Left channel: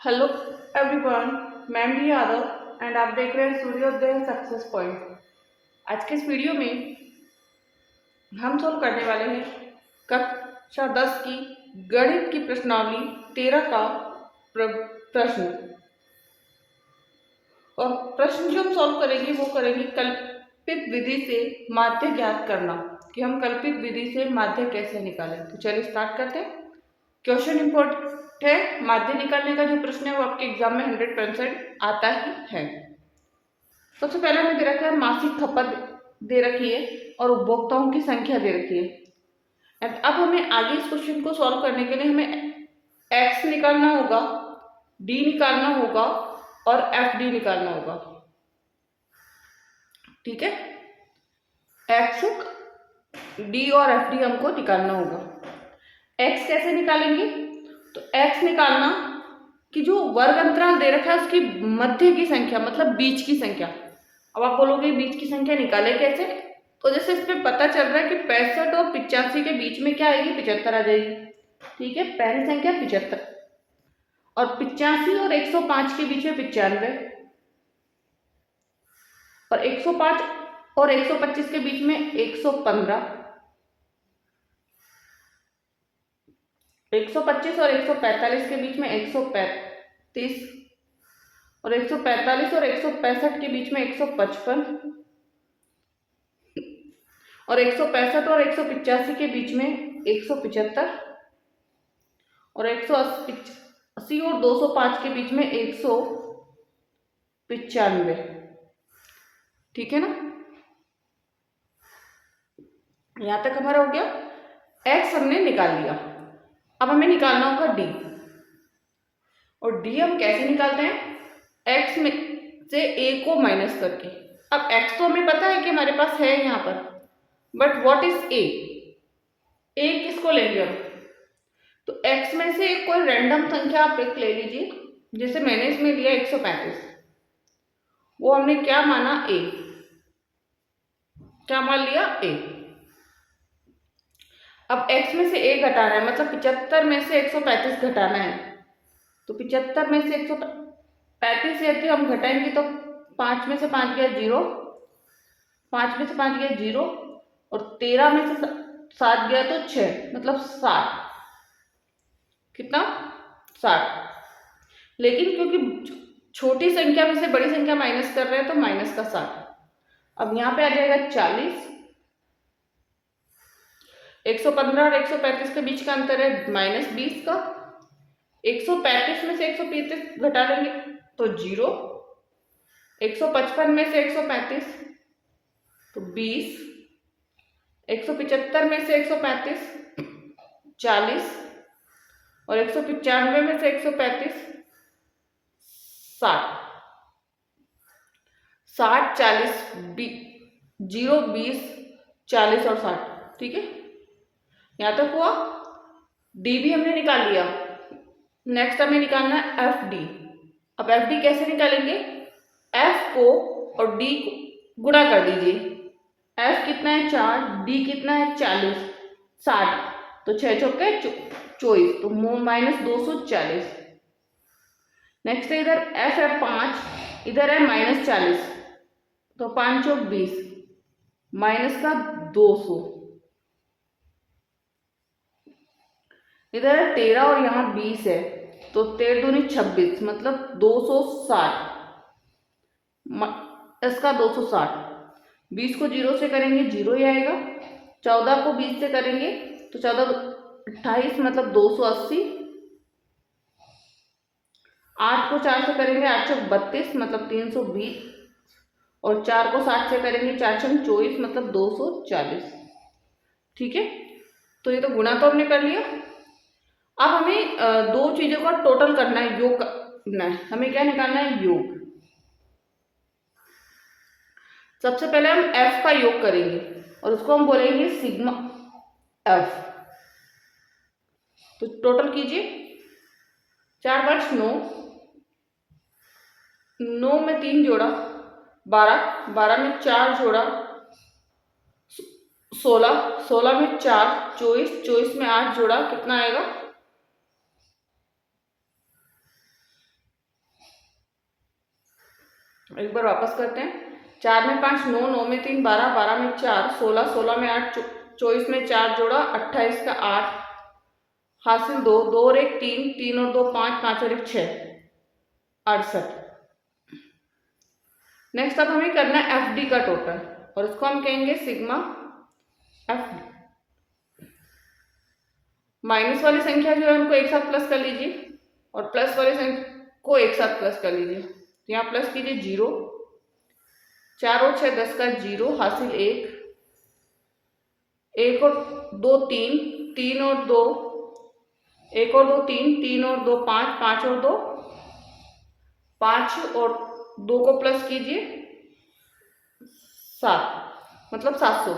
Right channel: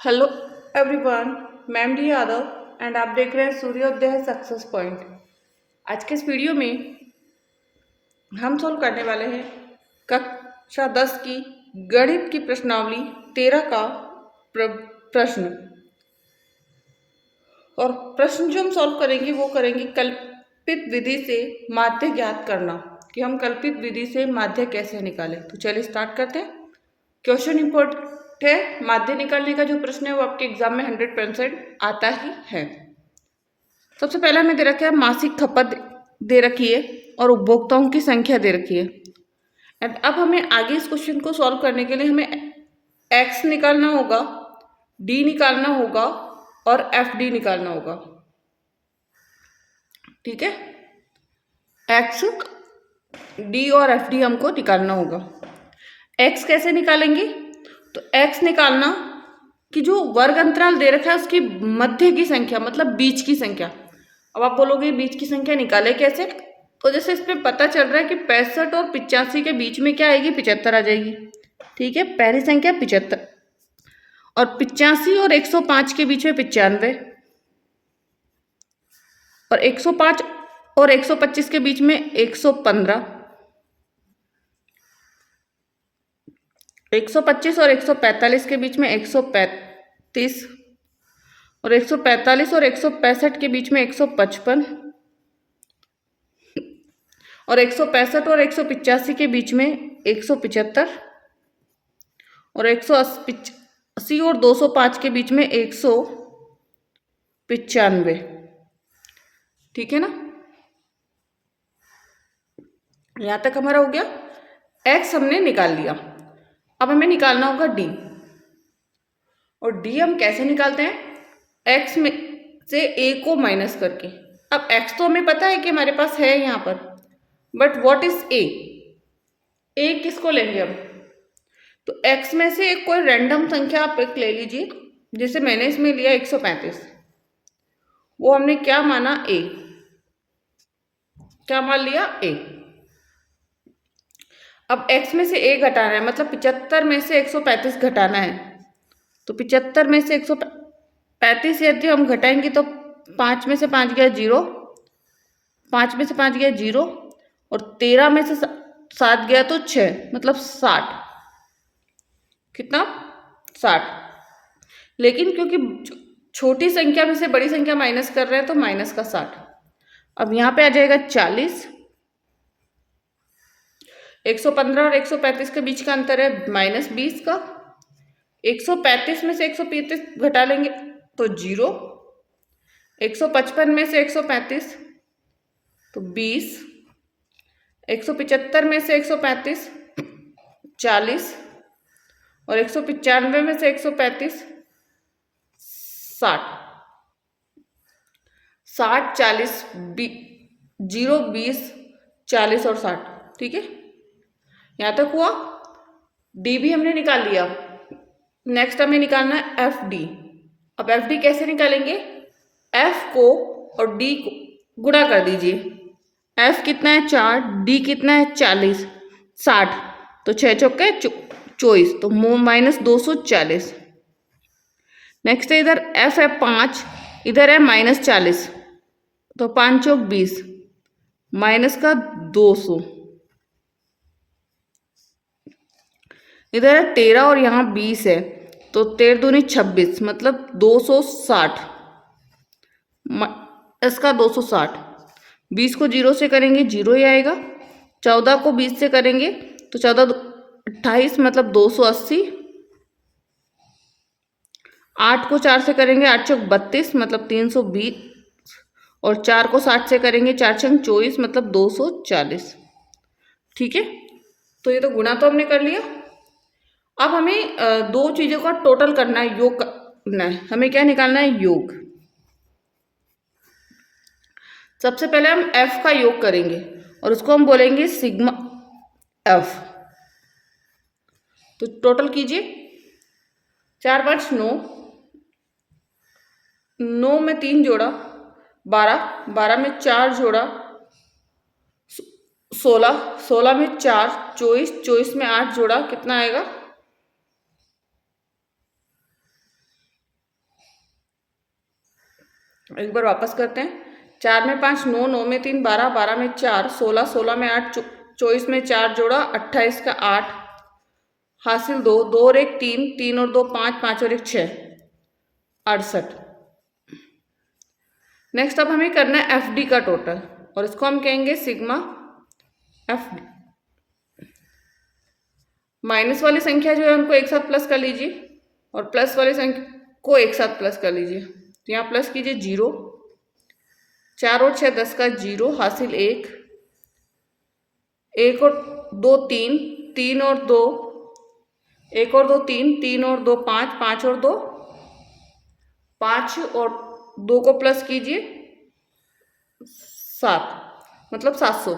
Hello everyone, मैं M D Yadav and आप देख रहे हैं सूर्योदय सक्सेस पॉइंट। आज के इस वीडियो में हम सोल्व करने वाले हैं कक्षा 10 की गणित की प्रश्नावली 13 का प्रश्न। और प्रश्न जो हम सॉल्व करेंगे वो करेंगे कल्पित विधि से माध्य ज्ञात करना, कि हम कल्पित विधि से माध्य कैसे निकालें। तो चलिए स्टार्ट करते हैं। क्वेश्चन इंपॉर्टेंट है। माध्य निकालने का जो प्रश्न है वो आपके एग्जाम में 100% आता ही है। सबसे पहले हमें दे रखा है मासिक खपत दे रखी है और उपभोक्ताओं की संख्या दे रखी है। एंड अब हमें आगे इस क्वेश्चन को सॉल्व करने के लिए हमें एक्स निकालना होगा, डी निकालना होगा और एफ डी निकालना होगा। ठीक है, एक्स, डी और एफ डी हमको निकालना होगा। एक्स कैसे निकालेंगे? तो एक्स निकालना कि जो वर्ग अंतराल दे रखा है उसकी मध्य की संख्या, मतलब बीच की संख्या। अब आप बोलोगे बीच की संख्या निकाले कैसे? तो जैसे इसमें पता चल रहा है कि 65 और 85 के बीच में क्या आएगी? 75 आ जाएगी। ठीक है, पहली संख्या 75 और 85 और 105 के बीच में 95 और 105 और 125 के बीच में 115, 125 और 145 के बीच में 135 और 145 और 165 के बीच में 155 और 165 और 185 के बीच में 175 और 180 और 205 के बीच में 195। ठीक है ना, यहाँ तक हमारा हो गया। एक्स हमने निकाल लिया। अब हमें निकालना होगा डी। और डी हम कैसे निकालते हैं? एक्स में से ए को माइनस करके। अब एक्स तो हमें पता है कि हमारे पास है यहाँ पर, बट व्हाट इज ए? ए किसको लेंगे हम? तो एक्स में से एक कोई रैंडम संख्या आप एक ले लीजिए। जैसे मैंने इसमें लिया 135, वो हमने क्या माना? ए। क्या मान लिया? ए। अब x में से a घटाना है, मतलब 75 में से 135 घटाना है। तो 75 में से 135 यदि हम घटाएंगे तो 5 में से 5 गया 0, 5 में से 5 गया 0 और 13 में से 7 गया तो 6, मतलब 60। कितना? 60। लेकिन क्योंकि छोटी संख्या में से बड़ी संख्या माइनस कर रहे हैं तो माइनस का 60। अब यहाँ पे आ जाएगा 40। 115 और 135 के बीच का अंतर है -20 का। 135 में से 135 घटा लेंगे तो 0। 155 में से 135 तो 20। 175 में से 135 40 और 195 में से 135 60। 60 40 0 20 40 और 60। ठीक है, यहाँ तक हुआ। डी भी हमने निकाल लिया। नेक्स्ट हमें निकालना है एफ डी। अब एफ डी कैसे निकालेंगे? एफ को और डी को गुणा कर दीजिए। एफ कितना है? 4, डी कितना है? 40, 60, तो 6 चौके 24, तो -240। नेक्स्ट है इधर एफ है 5, इधर है -40, तो 5 चौक 20, माइनस का 200। इधर है 13 और यहाँ 20 है, तो 13 दूनी 26, मतलब 260। इसका 260। 20 को 0 से करेंगे 0 ही आएगा। 14 को 20 से करेंगे तो 14 28, मतलब 280। 8 को 4 से करेंगे 8 चौक 32, मतलब 320 और 4 को 60 से करेंगे 4 छंग 24, मतलब 240। ठीक है, तो ये तो गुणा तो हमने कर लिया। अब हमें दो चीज़ों का टोटल करना है, योग करना है। हमें क्या निकालना है? योग। सबसे पहले हम f का योग करेंगे और उसको हम बोलेंगे सिग्मा f। तो टोटल कीजिए। 4 5 9, 9 में 3 जोड़ा 12, 12 में 4 जोड़ा 16, 16 में 4 24, 24 में 8 जोड़ा कितना आएगा? एक बार वापस करते हैं। 4 में 5 9, 9 में 3 12, 12 में 4 16, 16 में 8 24 में 4 जोड़ा 28 का 8 हासिल 2, 2 और 1 3, 3 और 2 5, 5 और 1 6 68। नेक्स्ट अब हमें करना है एफ डी का टोटल और इसको हम कहेंगे सिग्मा एफ डी। माइनस वाली संख्या जो है उनको एक साथ प्लस कर लीजिए और प्लस वाली संख्या को एक साथ प्लस कर लीजिए। तो यहाँ प्लस कीजिए 0, 4 और 6 10 का 0 हासिल 1, 1 और 2 3, 3 और 2 1 और 2 3, 3 और 2 5, 5 और 2 5 और 2 को प्लस कीजिए 7 मतलब 700।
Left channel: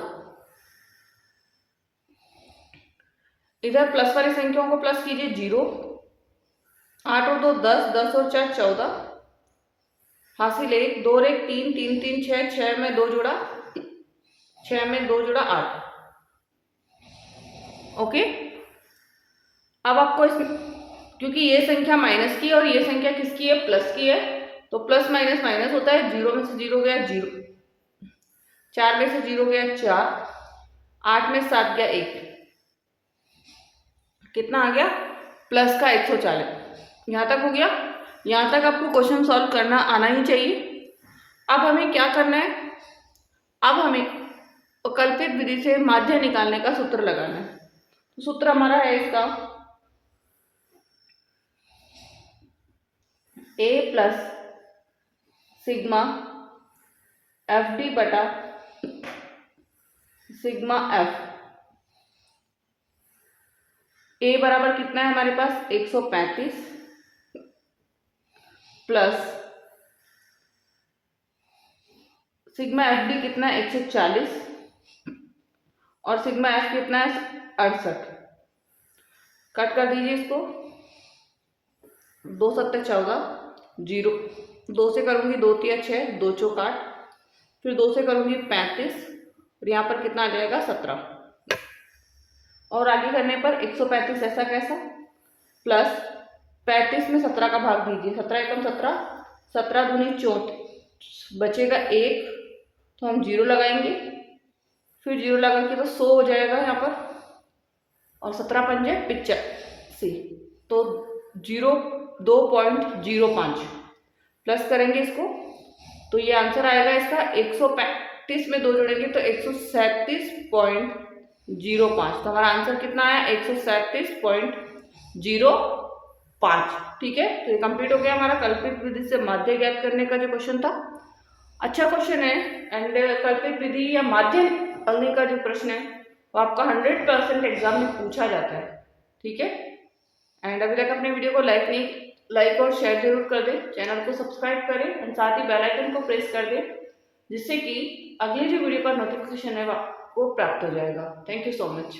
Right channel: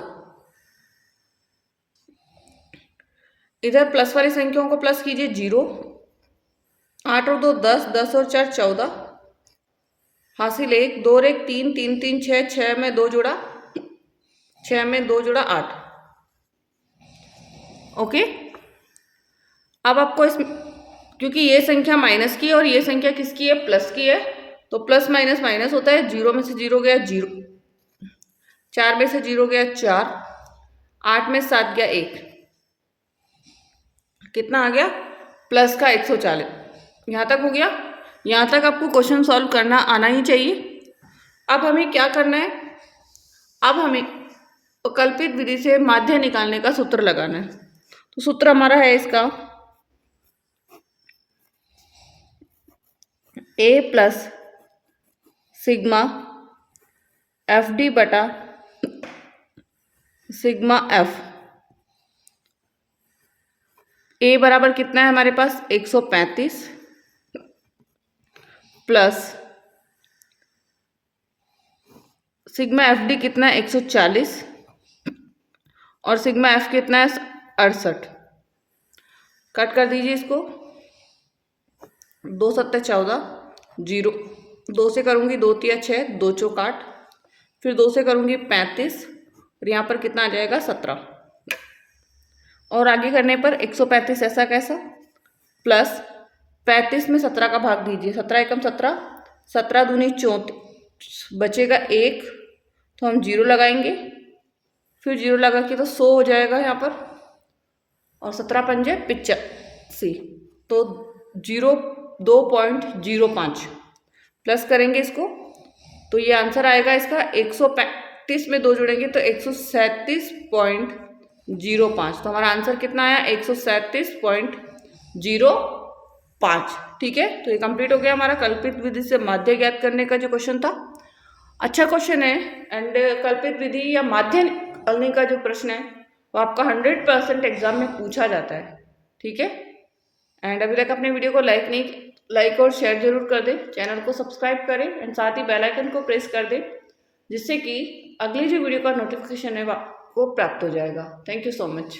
इधर प्लस वाली संख्याओं को प्लस कीजिए 0, 8 और 2 10, 10 और 4 14 हासिल 1, 2 और 1 3, 3 3 6, 6 में 2 जोड़ा 6 में 2 जोड़ा 8। ओके, अब आपको इसमें क्योंकि ये संख्या माइनस की है और ये संख्या किसकी है, प्लस की है, तो प्लस माइनस माइनस होता है। 0 में से 0 गया 0, 4 में से 0 गया 4, 8 में 7 गया 1, कितना आ गया प्लस का 140। यहाँ तक हो गया। यहाँ तक आपको क्वेश्चन सॉल्व करना आना ही चाहिए। अब हमें क्या करना है, अब हमें कल्पित विधि से माध्य निकालने का सूत्र लगाना है। तो सूत्र हमारा है इसका a plus sigma F D बटा सिग्मा एफ। a बराबर कितना है हमारे पास 135 प्लस सिग्मा एफ डी कितना है 140 और सिग्मा एफ कितना है 68। कट कर दीजिए इसको, 2 7 14 0, 2 से करूँगी 2 3 6, 2 चौक 8, फिर 2 से करूँगी 35 और यहाँ पर कितना आ जाएगा 17। और आगे करने पर 135 ऐसा कैसा प्लस 35 में 17 का भाग दीजिए, 17 एकम 17, 17 दूनी 34, बचेगा 1, तो हम 0 लगाएंगे, फिर 0 लगा के तो 100 हो जाएगा यहाँ पर और 17 पंजे 85, तो 2.05 प्लस करेंगे इसको, तो ये आंसर आएगा इसका 135 में 2 जोड़ेंगे तो 137.05। तो हमारा आंसर कितना आया 137.05। ठीक है, तो ये कंप्लीट हो गया हमारा कल्पित विधि से माध्य ज्ञात करने का जो क्वेश्चन था। अच्छा क्वेश्चन है एंड कल्पित विधि या माध्य निकालने का जो प्रश्न है वो आपका 100% एग्जाम में पूछा जाता है। ठीक है, एंड अभी तक अपने वीडियो को लाइक और शेयर जरूर कर दें, चैनल को सब्सक्राइब करें एंड साथ ही बेल आइकन को प्रेस कर दें जिससे कि अगली जो वीडियो का नोटिफिकेशन है वो आपको प्राप्त हो जाएगा। Thank you so much.